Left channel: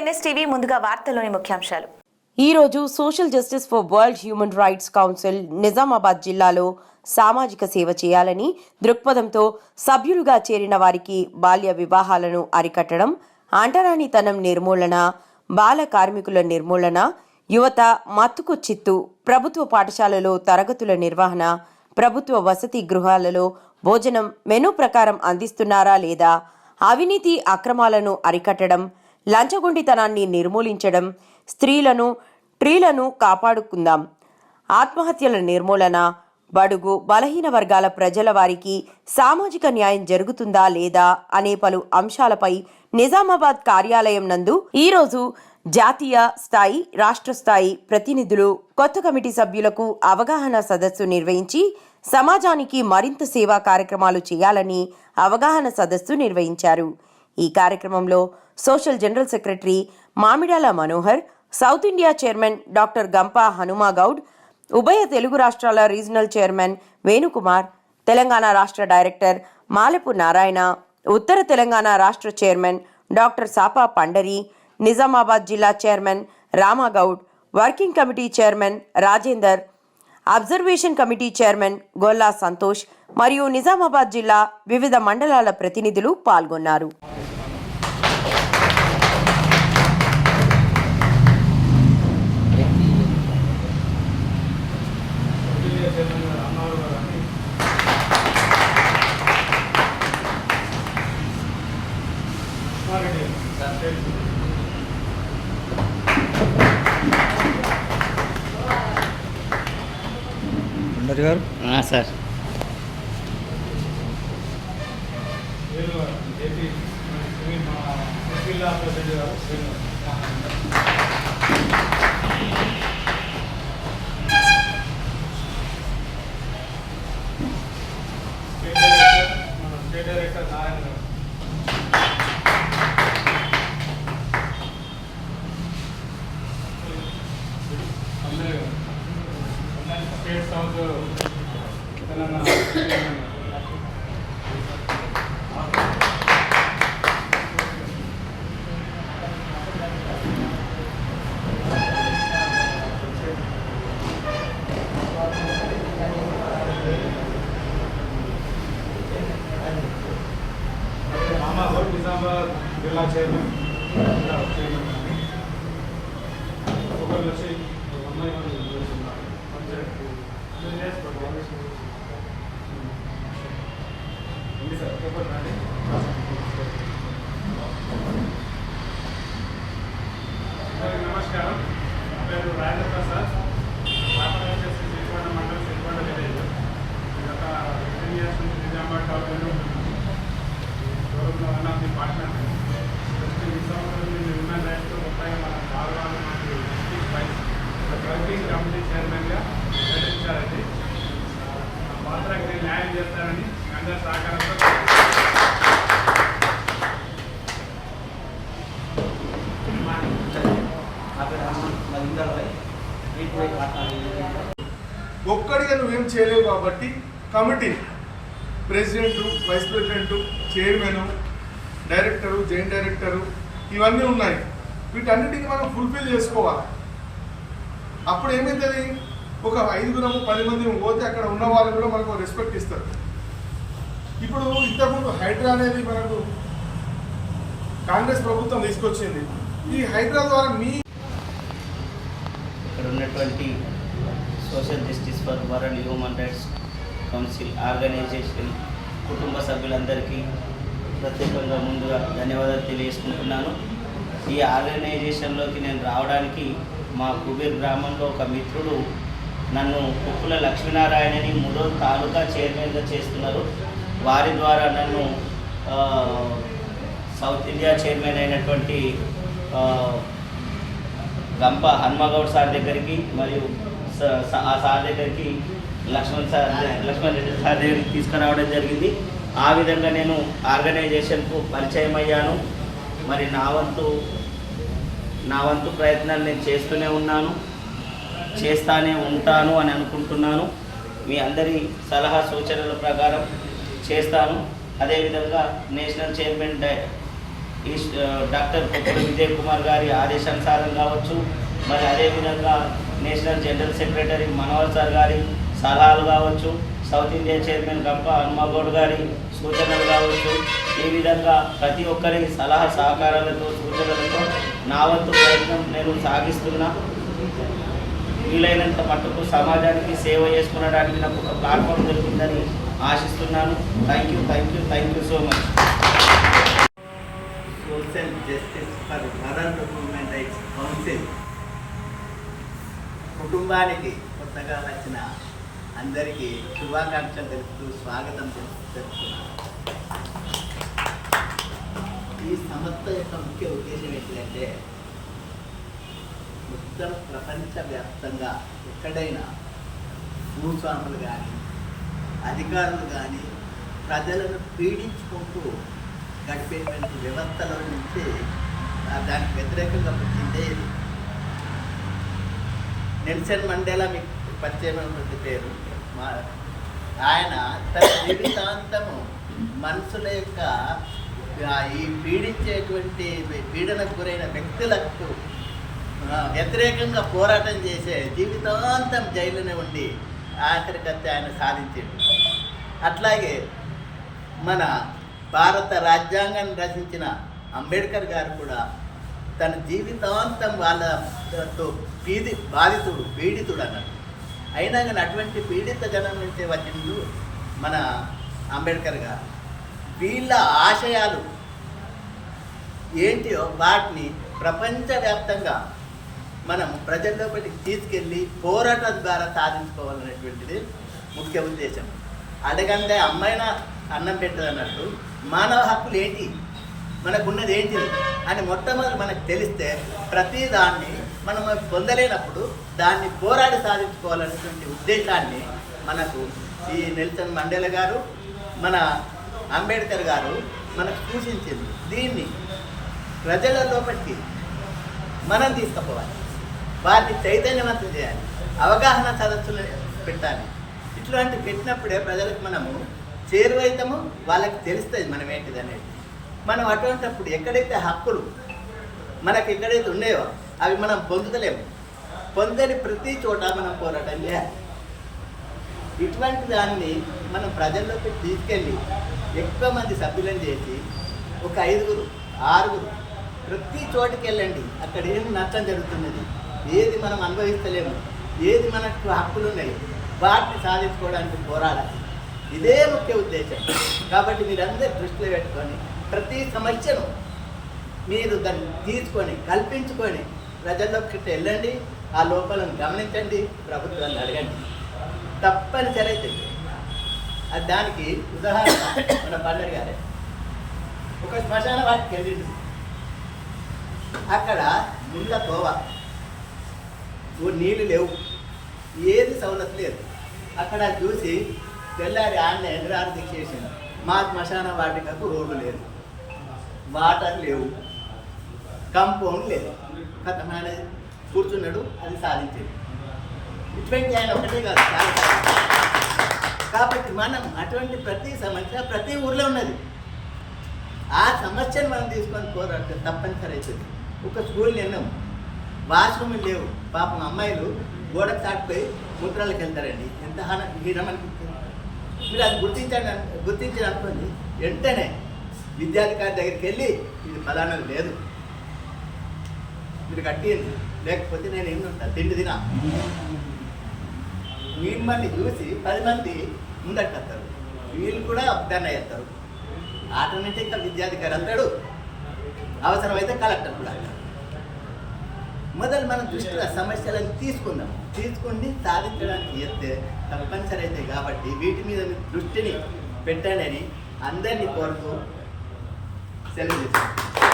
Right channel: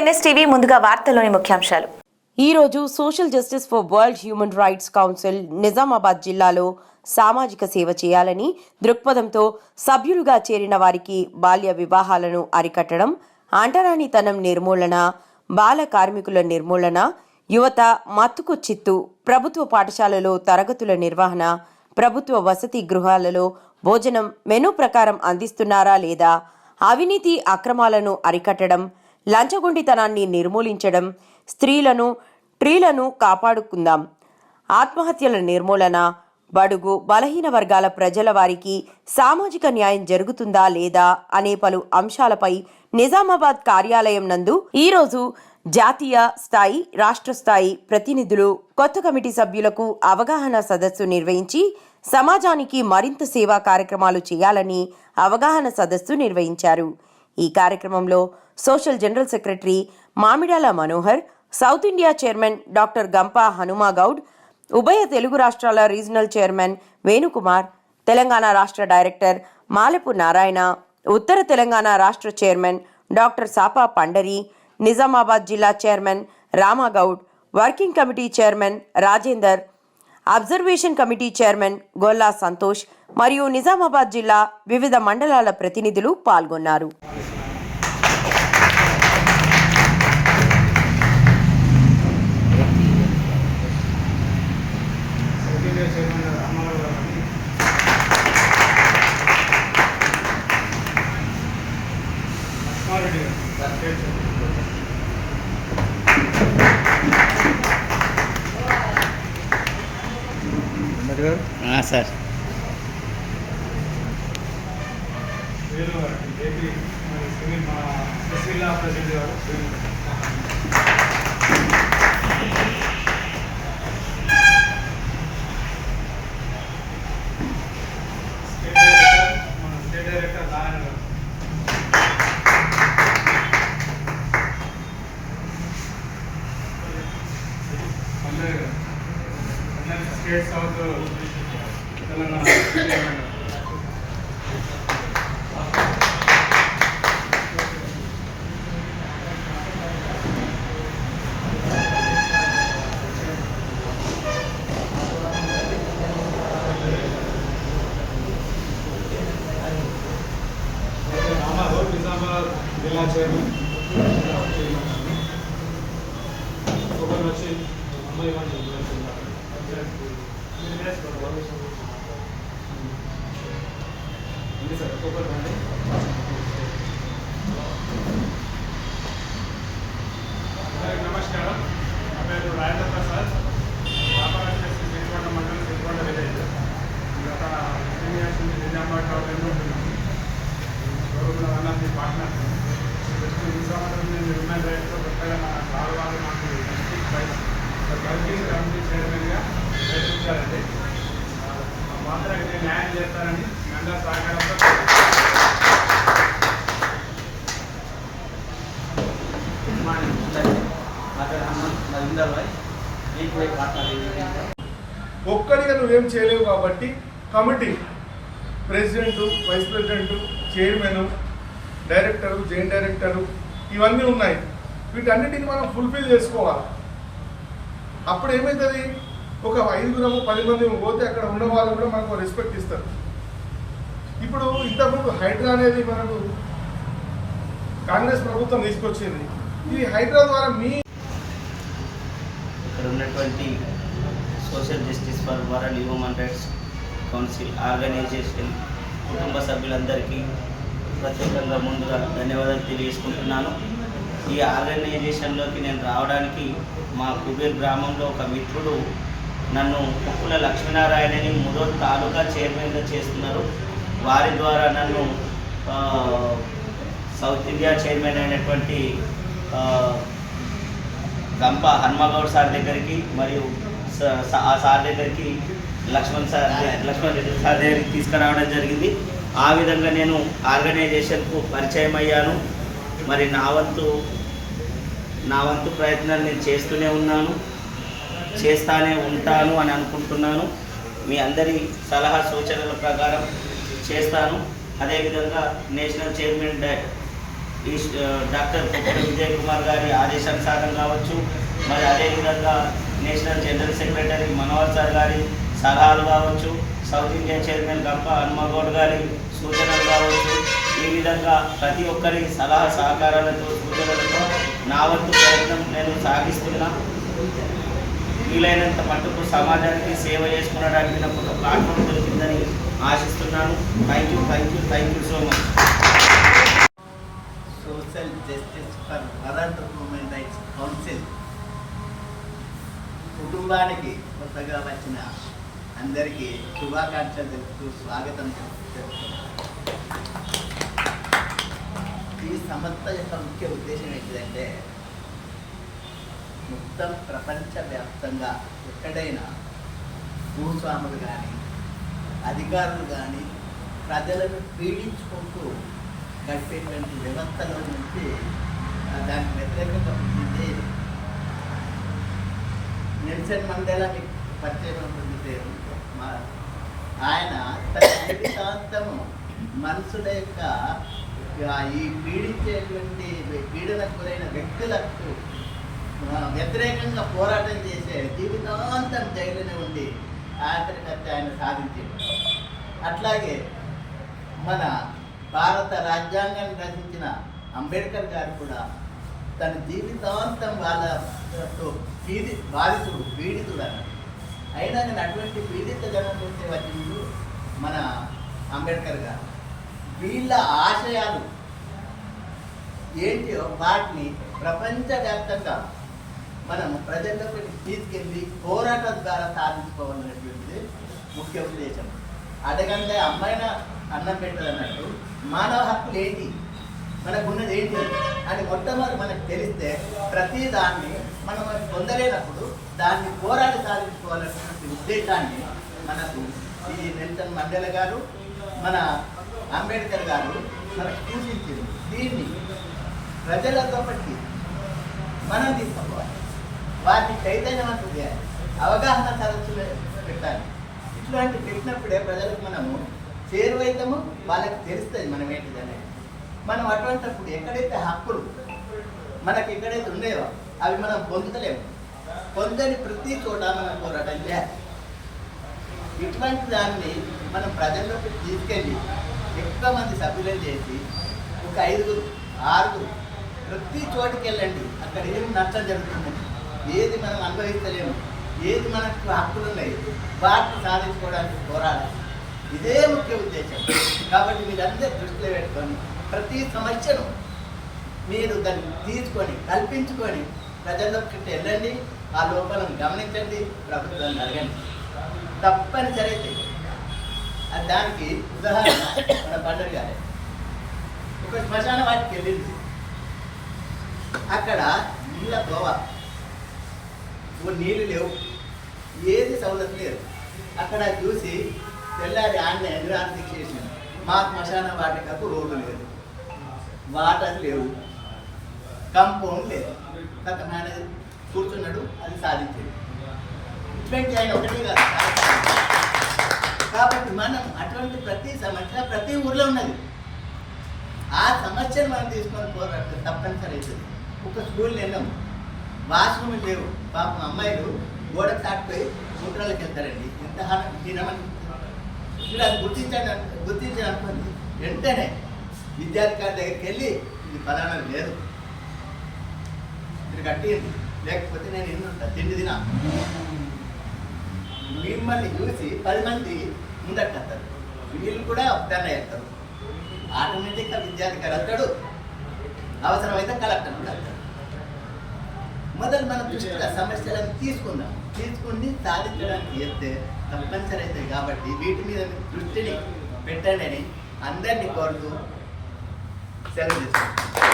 NSTV ముందుగా వార్తల్లోని ముఖ్యాంశాలు. ఈ రోజు social justice for world human rights council Nizamabad జిల్లాలో సామాజిక సేవ చేయాలని దృక్పథంతో సభ్యులుగా చేరిన వారికి బాల్య వివాహాలను అరికట్టడం, అంటరానితనం నిర్మూలన, బాల కార్మికుల నిర్మూలన, యువత మత్తుకు చిత్తు, ప్రభుత్వ పాఠశాలలో తరగతుల నిర్వహణ, ప్రభుత్వ వసతి గృహాలలో భోజనం మెనూ ప్రకారం అందిస్తున్నారా లేదా, అవినీతి అక్రమాలను అరికట్టడం, లంచగొండితనాన్ని నిర్మూలించడం, స్త్రీలను కాపాడుకుందాం, ఆత్మహత్యల నిర్మూలన, బడుగు బలహీన వర్గాల ప్రజల వారికి సామాజిక న్యాయం జరుగుతుందా లేదా అనే పలు అంశాలపై నిజామాబాద్ కార్యాలయం నందు ఈరోజు జాతీయ స్థాయి, రాష్ట్ర స్థాయి ప్రతినిధులు, కొత్త కమిటీ సభ్యులకు అవగాహన సదస్సు నిర్వహించి సమాజానికి మరింత సేవా కార్యక్రమాలు చేయాలని అవగాహన సదస్సు నిర్వహించారు. ఈ కార్యక్రమంలో social general secretary Mamidala Manohar, south India chairman doctor Gampa Hanumagoud, ఉభయ తెలుగు రాష్ట్రాల రీజనల్ చైర్మన్ వేణుకుమార్, తెలంగాణ రాష్ట్ర డైరెక్టర్ మాలపు నారాయణ, ఉత్తర తెలంగాణ రాష్ట్ర చైర్మన్ డాక్టర్ సాపా పండరి, నిజామాబాద్ జిల్లా chairman Ramagoud, working committee chairman Rajender, observation committee chairman Golla Santosh మరియు నిజామాబాద్ జిల్లా వివిధ మండలాల ప్రతినిధులు పాల్గొన్నారు. సార్ నిజామాబాద్ జిల్లా చైర్మన్ ఒకరు వచ్చి సార్ ఒకరు రండి. నమస్కారం, నా పేరు రాజేంద్ర ప్రసాద్, రామరాజు సిరికొండ మండలం, సిరికొండ విలేజ్. గత 15 years నుంచి నిజామాబాద్ టౌన్ ఉంటున్నాను. గౌరవంలో వన్ ఆఫ్ ది పార్ట్నర్. ఈ సంవత్సరం నుంచి హ్యూమన్ రైట్స్లో కొత్తగా మన గౌరవాలు నాకు వర్కింగ్ కమిటీ చైర్మన్గా ప్రయత్నించాలండి. ఆ పాత్రకి న్యాయం చేస్తారని మీ అందరి సహకారంతో ఒక్కడిగా నువ్వేం చేయలేవు కాబట్టి committee president, vice president, chairman, director, joint director ఇవన్నీ ఉన్నాయి. వీటన్నిటిని మనం ఫుల్ఫిల్ చేసుకోవాలి. అప్పుడు ఏమవుతుంది, ఒక 5 10 మంది పోతే అక్కడ ఉన్న వాళ్ళు కూడా మనకు రెస్పెక్ట్ ఇస్తారు. ఇప్పుడు ఇంతకుముందు హైడ్రా అనేది మనకు కాంగ్రెస్ ప్రభుత్వం తీసుకొచ్చింది. ఈ హైడ్రా ద్వారా ఇక్కడ ఉన్నటువంటి social justice for world human rights council organisation కుటుంబ సభ్యులందరికీ ప్రత్యేకంగా ముందుగా ధన్యవాదాలు తెలియజేసుకుంటున్నాను. ఈ ఆర్గనైజేషన్లోకి నేను రావడానికి మా కుబేర్ గ్రామంలో ఒక మిత్రుడు నన్ను కుక్కుల లక్ష్మీనారాయణని ముదోల్ తాలూకా చైర్మన్గా చేస్తున్నారు. వారి ద్వారా నన్ను సౌత్ ఇండియా చైర్మన్ అయినటువంటి గంప హనుమగౌడ్ సార్ దగ్గరికి మరియు ఆ సార్ దగ్గరికి లక్ష్మణ్ రెడ్డి సార్ దగ్గరికి తీసుకురావడం జరిగింది. ఆ విధంగా నేను ఆర్గనైజేషన్కు పరిచయం అయ్యాను. మరి నా వంతు ప్రయత్నాలు నేను చేస్తూనే ఉన్నాను, చేస్తానే ఉంటాను అని అనుకుంటున్నాను. మీ అందరి సలహా సూచనల ప్రకారం చేస్తాను. అదేవిధంగా నేషనల్ చైర్మన్ ఈ డాక్టర్ కొప్పుల విజయ్ కుమార్ గారి ఆదేశానుసారం కావచ్చు, మరి అదేవిధంగా national general secretary Manohar sir గారి సలహాలు కావచ్చు, సౌత్ ఇండియన్ చైర్మన్ గంప హనుమగౌడ్ గారి సూచనలు కావచ్చు, ఈ విధంగా ప్రతి ఒక్కరి సలహా సహకారాలతో సూచనలతో నా వంతు ప్రయత్నం నేను సాగిస్తున్నా. వీలైనంత మట్టుకు సమాజానికి సేవ చేసుకునడానికి నాకు ఒక ప్లాట్ఫామ్ దొరికిందని ఆశిస్తున్నాను. Thank you so much. Social justice for world human rights council కుటుంబానికి కొత్తగా వచ్చిన అందరికీ శుభాకాంక్షలు తెలుపుతూ స్వాగతం చెప్తున్నాను. ఈ సంస్థ యొక్క ముఖ్య ఉద్దేశం ఏంటంటే మొత్తం ప్రపంచవ్యాప్తంగా ఎక్కడైనా భూస్వాములు కానీ అధికారులు కానీ ప్రజలను పీడించుకుంటూ గడిపేటువంటి వ్యవస్థలో నుంచి దానికి వ్యతిరేకంగా పుట్టిందే ఇది. నెల్సన్ మండేలా మీకు పరిచయం ఉంటుంది పేరు. ఆయన తన జీవితాంతము మనుషుల యొక్క ఈ పీడించేటువంటి పీడనకు గురైన వ్యక్తులకు వ్యతిరేకంగా పోరాటం చేసే జీవితాంతం జైలునే ఉండి ఆఖరికత్తే ఆయన సాధించాడు. అట్లాగే మన భారత రాజ్యాంగాన్ని రచించిన అంబేద్కర్ గారు కూడా తన జీవితాంతం వాళ్ళతో పీడితుడు అన్నాడు. అయినా కానీ అటువంటి పీడిత జనం నుంచి వచ్చిండు మన అంబేద్కర్ గారు. వీళ్ళ ఆశయాలు ఏంటియో వాటిని ప్రపంచవ్యాప్తంగా మనం ప్రజల్లోకి తీసుకెళ్ళి పోరాటం ద్వారా సాధించుకోవాలనేటువంటిది ముఖ్య ఉద్దేశం. అడగంటే అమ్మాయినా అన్నం పెట్టదు అన్నట్టు మానవ హక్కులు ఏంటి, మనకున్నది ఏంటి అని మొట్టమొదటి మనకు తెలిస్తే ప్రతి దాన్ని మనం పొందలేనప్పుడు దాన్ని పోరాడి సాధించుకోవాలనేటువంటి ఉద్దేశాన్ని మనకు ఈ నెల్సన్ మండేలా గారు, మన అంబేద్కర్ గారు మనకు సూచించారు. దీన్ని ప్రజల లోపలికి మనం తీసుకుపోవాలి, వారిని చైతన్యవంతం చేయాలి, అవగాహన సదస్సులు పెట్టాలి. ఇట్లాంటి పెట్టినప్పుడే ప్రజలకు మనము చేరువైతాము, వాళ్ళకి తెలుస్తుంది మనం ఏంటిది అనేది. మనం అటువంటిప్పుడు ఎక్కడైతే హక్కులు మనకు ఎక్కడైతే ఉన్నాయో అవి మనం పొందుతలేము, పొందని ప్రతి చోట మనం పోరాటం చేయాలి. ఇటువంటి దాన్ని మనం ప్రజల్లోకి తీసుకెళ్ళి ఎక్కువ మంది సభ్యులను చేసి ఒక 5, 6 ప్రతి చోటికి వెళ్ళండి. అక్కడ ఏం నష్టం జరుగుతున్నది, ఏది మనం అనుభవిస్తలేము, ఏది మనకు హక్కులు ఉన్నాయి, వాటిని సాధించుకోవడానికి పోరాడాలి. ఇదే ముఖ్య ఉద్దేశం. కాబట్టి మీరందరూ దృష్టిలో పెట్టుకొని ప్రతి సమస్యను మీరు దాన్ని తీసుకొని కల్పించుకొని ప్రజల్లోకి వెళ్ళండి, ఆ లోపాలను గమనించండి, ప్రభుత్వాన్ని అడగండి. తప్పనిసరి అయితే అది దానికి ఉదాహరణ మన పండుగ గారే ఒక శ్మశాన వాటికి వెళ్ళింది. అక్కడ నీళ్ళ తోవ, నీళ్ళు లేవు, ఏది సౌలభ్యం లేదు. అక్కడ చూసి తెల్లారి ఆయన ఎదురారు దిక్కేసింది. మా శ్మశాన వాటికకు రోడ్డు లేదు, వాటర్ లేవు, కంపౌండ్ లేదు. ఆయన కూర్చున్నాడు, అది సాధించాడు. ఇటువంటి ఆయన ఒకటే కాదు, కాబట్టి మనం అటువంటి ప్రతి సమస్య ప్రతి ఊర్లో ఉన్నది. ఆ సమస్యను మనం తీసుకొని పోరాటం తప్పనిసరి అవుతుంది. ఒక స్కూల్ నిన్నాం, వాష్రూమ్ లేవు, పాపం అమ్మాయిలు గోడ తాకిపోయి మూత్రాలకు వెళ్తారండి. ఎంత హీనమనిపిస్తుంది. మీరు అది గుర్తించి అనుకోండి, వెంటనే విద్యాధికారి దగ్గరికి వెళ్ళి ఇది ఫలానా లేదు, మీరు కట్టింది, లేకపోతే నేను ఎన్నుంటా తిండి తినా. మిమ్మల్ని చూసి 10 మంది ముందరికి వస్తారు, వీళ్ళు కూడా దాన్ని వేస్తారు. ఆటోమేటిక్గా విద్యాధికారి అంటాడు, అవసరమైతే కలెక్టర్ కూడా అంటాడు. మొదలు మనం దృష్టిలో సమస్యలను తీసుకుని సాధించడానికి చేస్తే తప్పనిసరి అవుతాయి. కాబట్టి వీటి మీద దృష్టిని పెట్టండి అని అందరినీ కోరుతూ సెలవు చేస్తాను.